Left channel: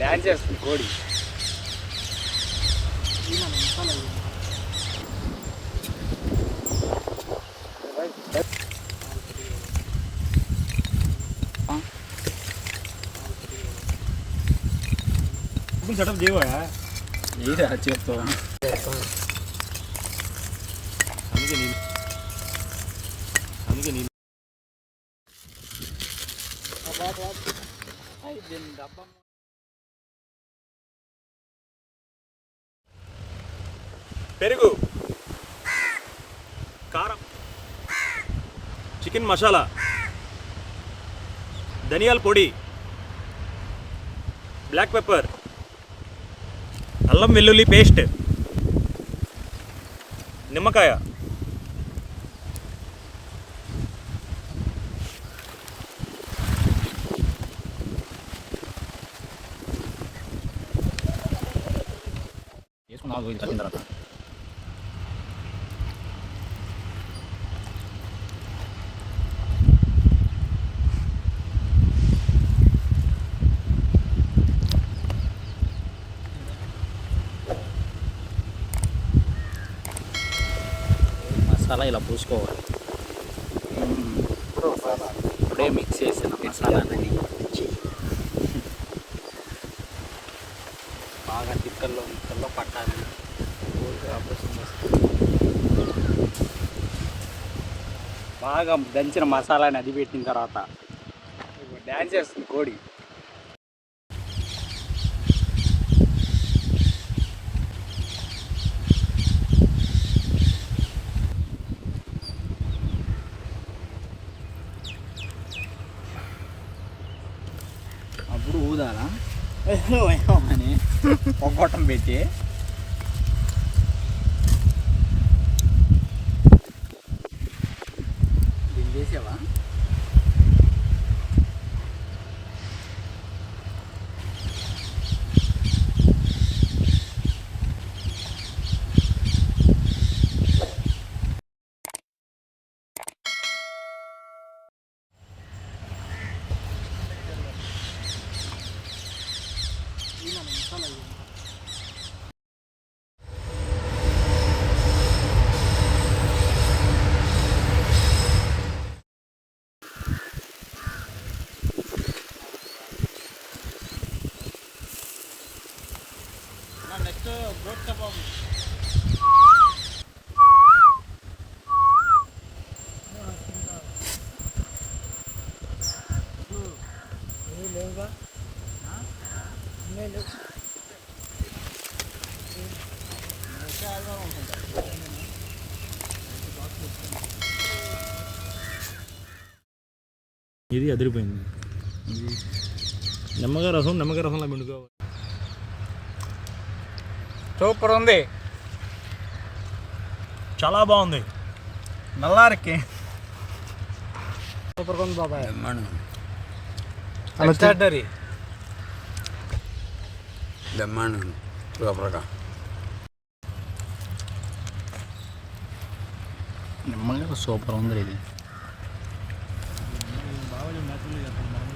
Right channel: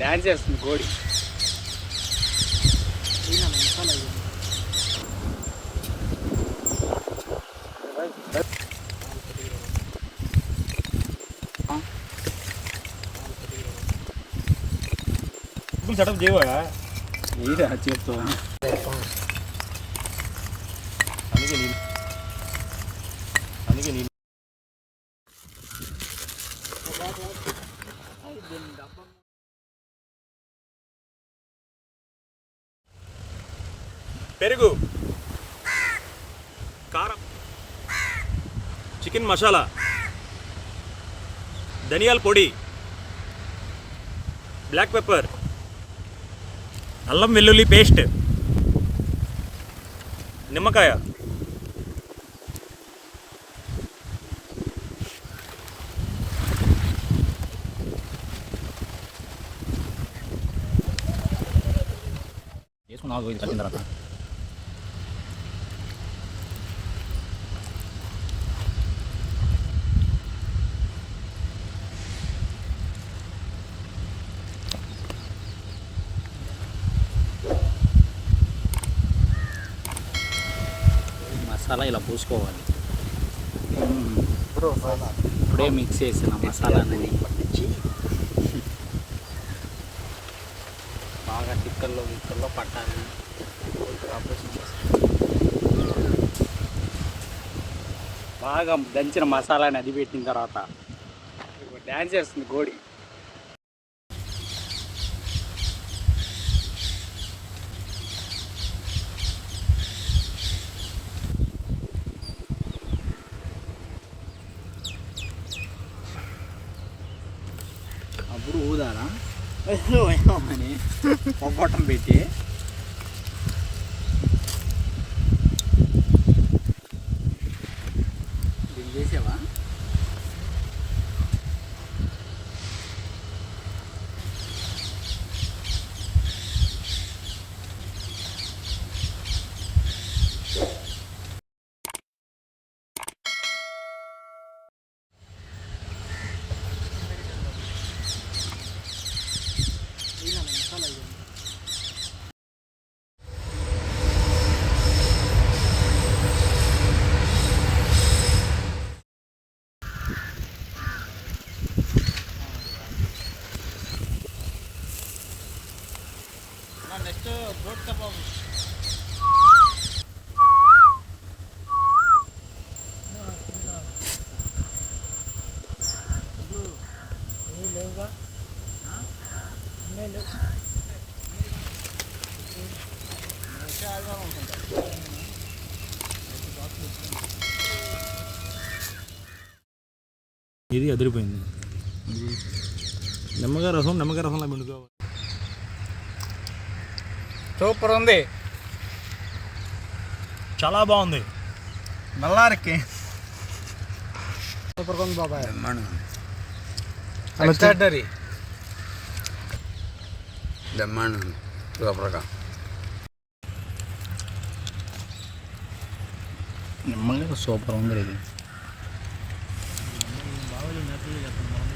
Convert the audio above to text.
Dance చేస్తుంది కోడి. Setup చేయవా ఏదా చేస్తావా? అందుకే నేను పెరుగు, కారం, చికెన్ మసాలా, ధనియాల పొడి, బ్లాక్ పెప్పర్, అల్లం వెల్లుల్లి పేస్ట్, నిమ్మకాయ, వేసుకున్నాను కలిపిన తర్వాత మసాలా ఇలా పూసుకోవాలి. ఇప్పుడే మిక్స్ చేసిన మసాలాని బాగా తిక్కల్లో పట్టాలి. బాగా దంచిన మసాలాని అది పెట్టిన తర్వాత డ్యాన్స్ చేస్తుంది కోడి. అప్పుడు ఊదాలా అని పొగొట్టం పెట్టి దీన్ని చేసావా? Masala next goat kebab. లేవుగా ఇది అదిరిపోయింది. నిమ్మకాయ రసంలో పిండుకోవాలి. సూపర్ ఉంది, చాలా బాగుంది. నల్లారికి సూపర్గా ఉంది బాబాయ్. ఎక్స్ట్రాడనరీ బ్రహ్మాండం సూపర్గా. నిమ్మకాయ సూపర్ ఉంది. ఇది బావలి నతులు చెప్పండి.